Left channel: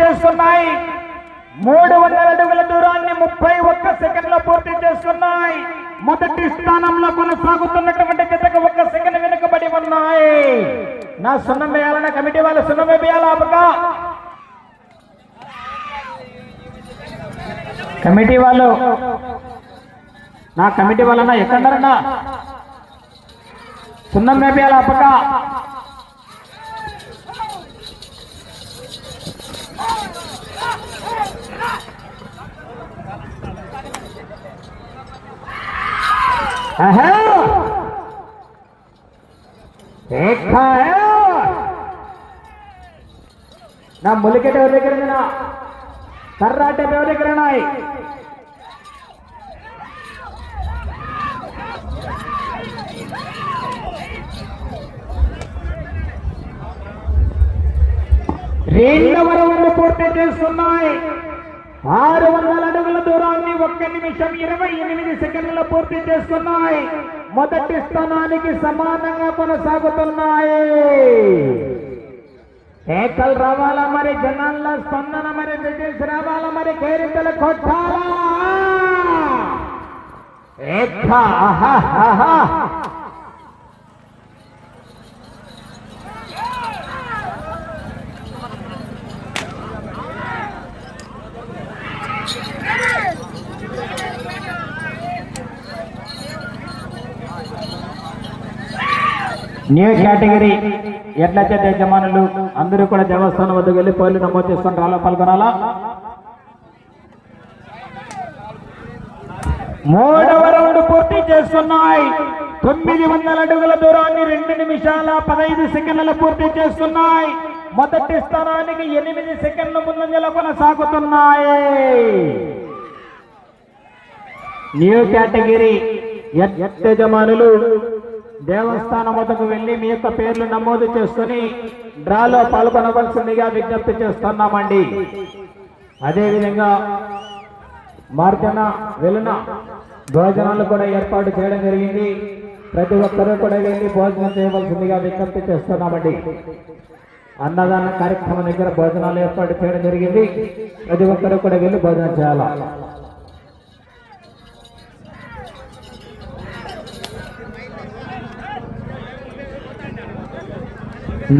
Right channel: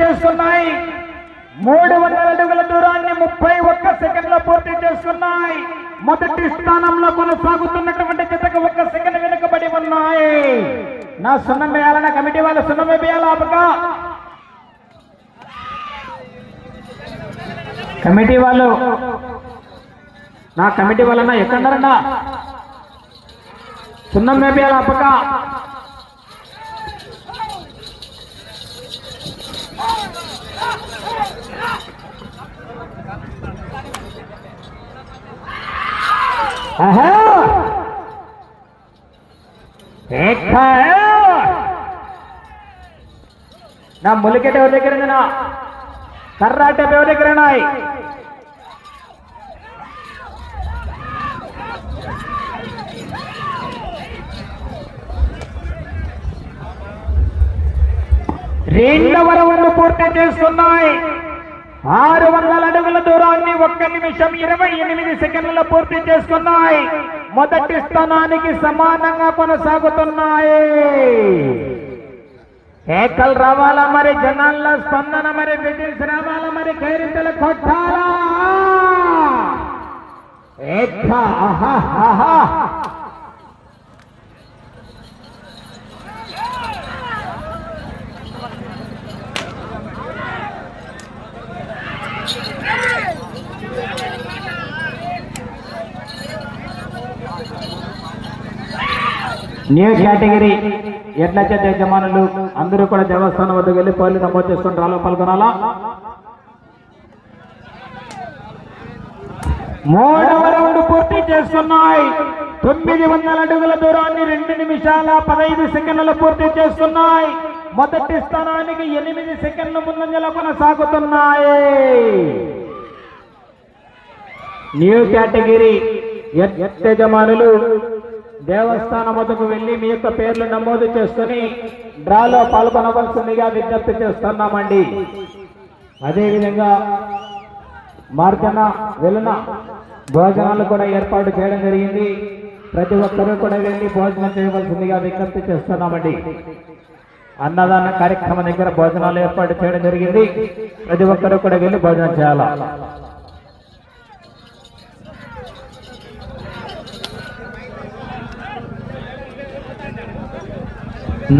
చేస్తున్నాయి. 300 అడుగుల దూరాన్ని 31 సెకండ్లో పూర్తి చేస్తున్నాయి. మొదటి స్థానంలో కొనసాగుతున్నటువంటి జతకు 1 సెకండ్ వెనుకబడి ఉన్నాయి. నా సున్నం వేయాలన్న కమిటీ వాళ్ళు సున్నం వేయాలా? కమిటీ వాళ్ళు నా కమిటీ వాళ్ళన్నా ఎక్కడన్నా సున్నం వేయాలా? అప్పక నా ములికెట ఎవరి దగ్గర ఉంది? నా కర్రాట ఎవరి దగ్గర ఉన్నాయి? రెండవ రౌండ్ పూర్తి చేస్తున్నాయి. 600 అడుగుల దూరాన్ని 1 నిమిషం 28 సెకండ్లలో పూర్తి చేసుకున్నాయి. మొదటి స్థానానికి సమానంగా కొనసాగుతున్నాయి. ఏకల్ రావాలా మరి, జనాల్లో స్పందన మరి, విజిల్స్ రావాలా మరి, గైరింతలు కొట్టాలా? న్యూ కేటగిరీ ఎడ్ల చేత యజమానులు అందరూ కూడా దేవస్థానం వద్దకు వెళ్ళి పోలి నమోదు చేసుకుని రాలా, పాల్గొనాలా. 3వ రౌండ్ పూర్తి చేస్తున్నాయి. 900 అడుగుల దూరాన్ని 2 నిమిషాల 15 సెకండ్లలో పూర్తి చేస్తున్నాయి. మొదటి స్థానానికి 8 సెకండ్ల ముందంజలో కొనసాగుతున్నాయి. న్యూ కేటగిరీ యజమానులు దేవస్థానం వద్దకు వెళ్లి మీ యొక్క పేర్లు నమోదు చేసుకుని డ్రాలో పాల్గొనవలసిందిగా విజ్ఞప్తి చేస్తున్నామండి. అదేవిధంగా మార్గన వెలున భోజనాలు కూడా ఏర్పాటు చేయడం జరిగింది. ప్రతి ఒక్కరూ కూడా వెళ్ళి భోజనం చేయవలసిందిగా విజ్ఞప్తి చేస్తున్నామండి. అన్నదాన కార్యక్రమం దగ్గర భోజనాలు ఏర్పాటు చేయడం జరిగింది. ప్రతి ఒక్కరూ కూడా వెళ్ళి భోజనం చేయాలా.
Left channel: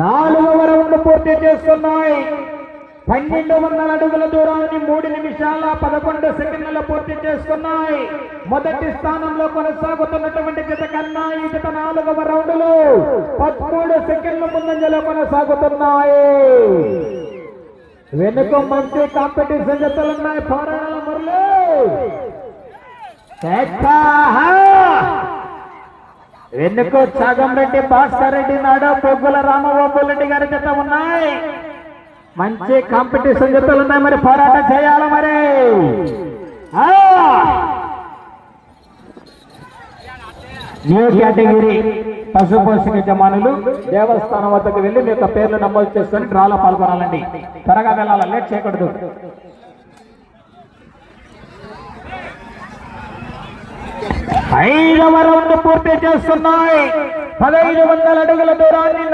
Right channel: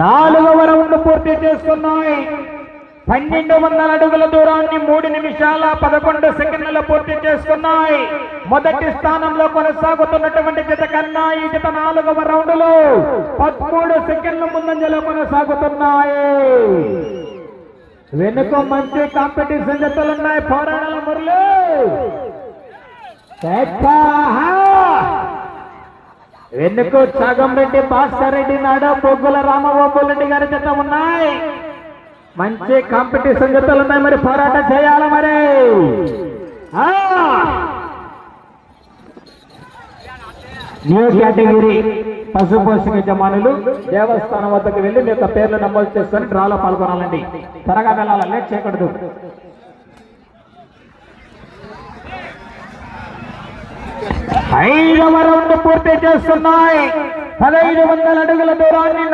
నాలుగవ రౌండ్ పూర్తి చేస్తున్నాయి. 1200 అడుగుల దూరాన్ని 3 నిమిషాల 11 సెకండ్లలో పూర్తి చేసుకున్నాయి. మొదటి స్థానంలో కొనసాగుతున్నటువంటి జత కన్నా ఈ జత 4వ రౌండ్లో 13 సెకండ్ల ముందంజలో కొనసాగుతున్నాయి. వెనుక మంచి కాంపిటీషన్ జతలున్నాయి. పోరాడాల మురళి వెనుక చాగంరెడ్డి భాస్కర్ రెడ్డి నాడు పొగ్గుల రామగోపాల్ గారి జత ఉన్నాయి. మంచి కాంపిటీషన్ జతలు ఉన్నాయి. మరి పోరాటం చేయాలి. మరి న్యూ కేటగిరీ పశుపోషక యజమానులు దేవస్థానం వద్దకు వెళ్లి మీ యొక్క పేర్లు నమోదు చేసుకొని డ్రాలో పాల్గొనాలండి. త్వరగా వెళ్ళాలి, లేట్ చేయకూడదు. 5వ రౌండ్ పూర్తి చేస్తున్నాయి. 1500 అడుగుల దూరాన్ని